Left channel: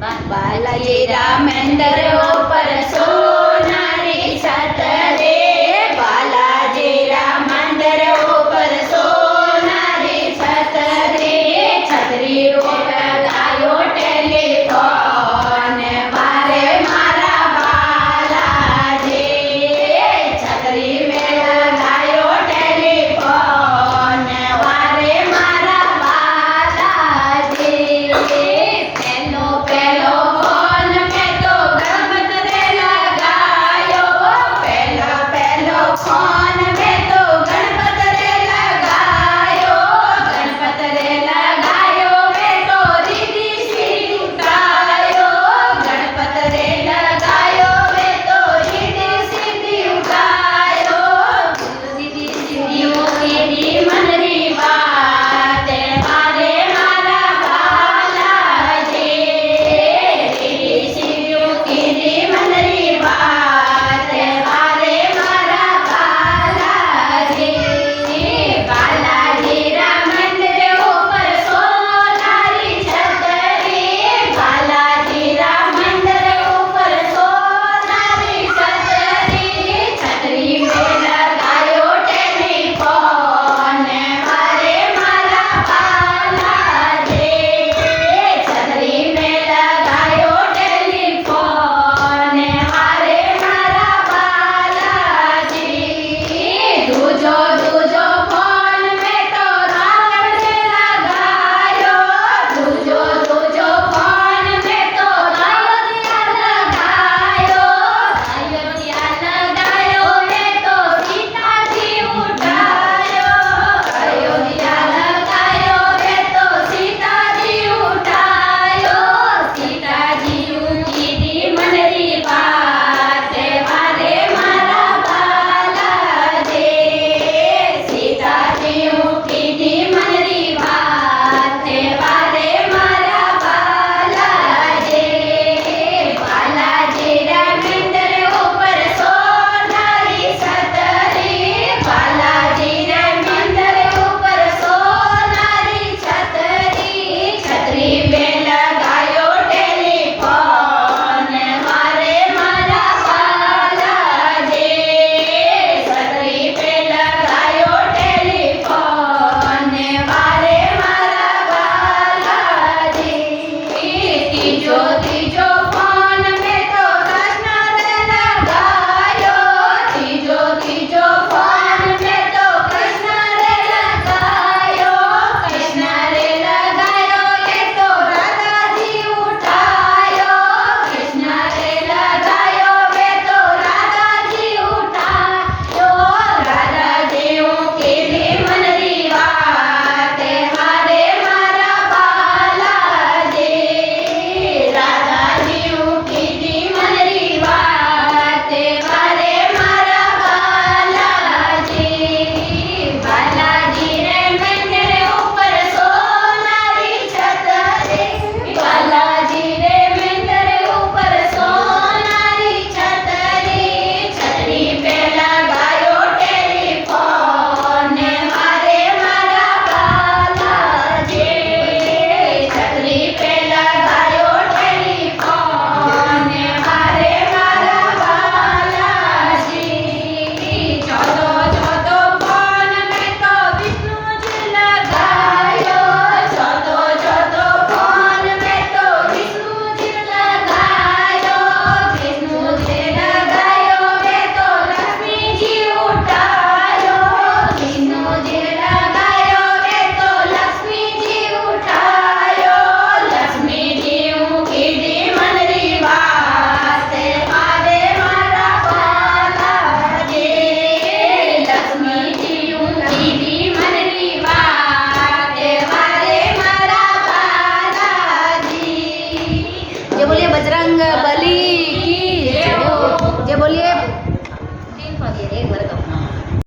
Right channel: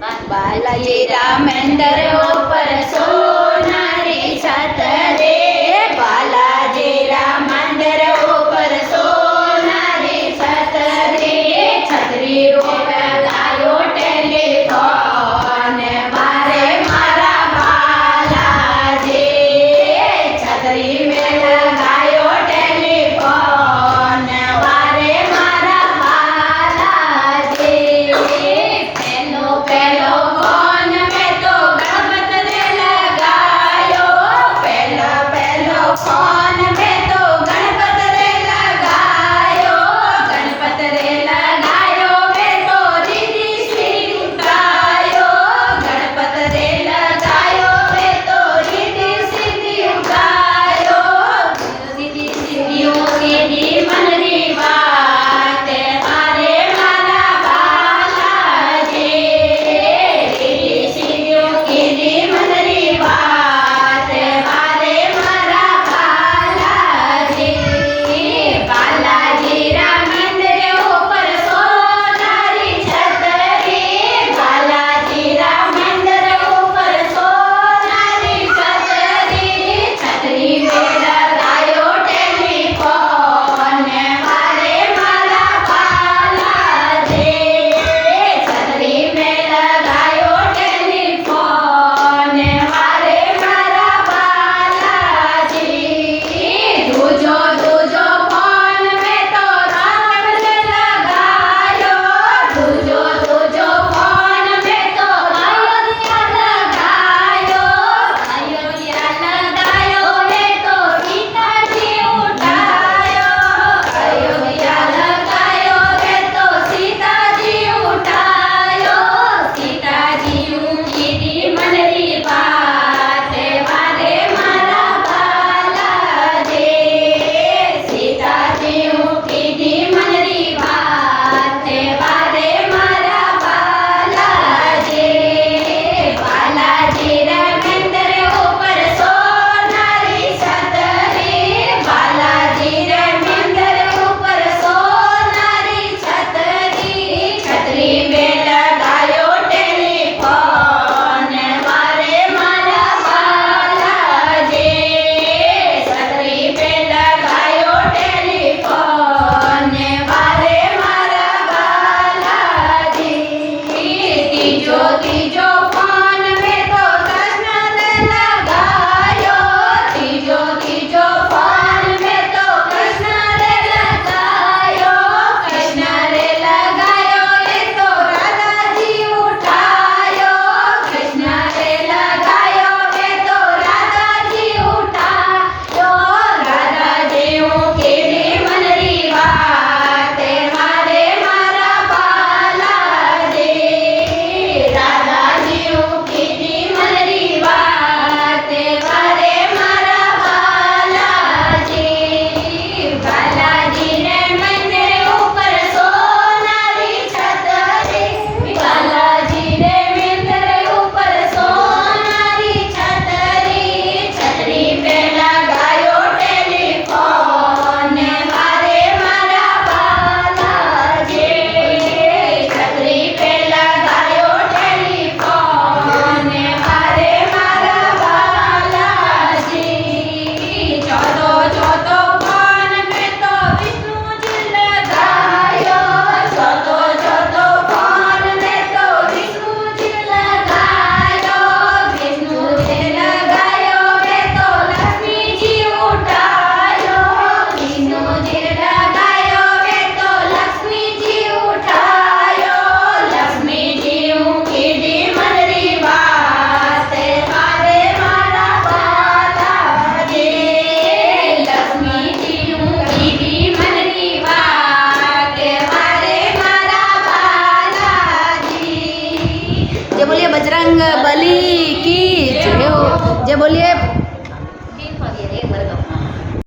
બાલાજી મંદિર ઉપર સોનાની છત રે, બાલાજી મંદિર ઉપર સોનાની છત રે, છતરી ઉપર ગાયો ટેલિફોન મારે મારા બાલાજી, છતરી મેં ગાયો ટેલિફોન મારે મારા બાલાજી, પેલો પેલો ફોન મેં તો ગણપતને લગાયો, પેલો પેલો ફોન મેં તો ગણપતને લગાયો, ગણપતને લગાયો મેં તો રીધિ સીધી ઉઠાયો, ગણપતને લગાયો મેં તો રીધિ સીધી ઉઠાયો, રીધિ સીધી ઉઠી મનની વાત મારે મારા બાલાજી, રીધિ સીધી ઉઠી મનની વાત મારે મારા બાલાજી, બાલાજી મંદિર ઉપર સોનારી છત રે, બાલાજી મંદિર ઉપર સોનારી છત રે, છતરી મેં લગાયો ટેલિફોન મારે મારા બાલાજી, છતરી મેં લગાયો ટેલિફોન મારે મારા બાલાજી, દૂજો દૂજો ફોન મેં તો રામને લગાયો, દૂજો દૂજો ફોન મેં તો અયોધ્યા લગાયો, અયોધ્યા લગાયો મેં તો સીતાજી ઉઠાયો, અયોધ્યા લગાયો મેં તો સીતાજી ઉઠાયો, સીતાજી ઉઠી મનરી વાત મારે મારા બાલાજી, સીતાજી ઉઠી મનરી વાત મારે મારા બાલાજી, બાલાજી મંદિર ઉપર સોનારી છત રે, બાલાજી મંદિર ઉપર સોનારી છત રે, છતરી મેં લગાયો ટેલિફોન મારે મારા બાલાજી, છતરી મેં લગાયો ટેલિફોન મારે મારા બાલાજી, ત્રીજો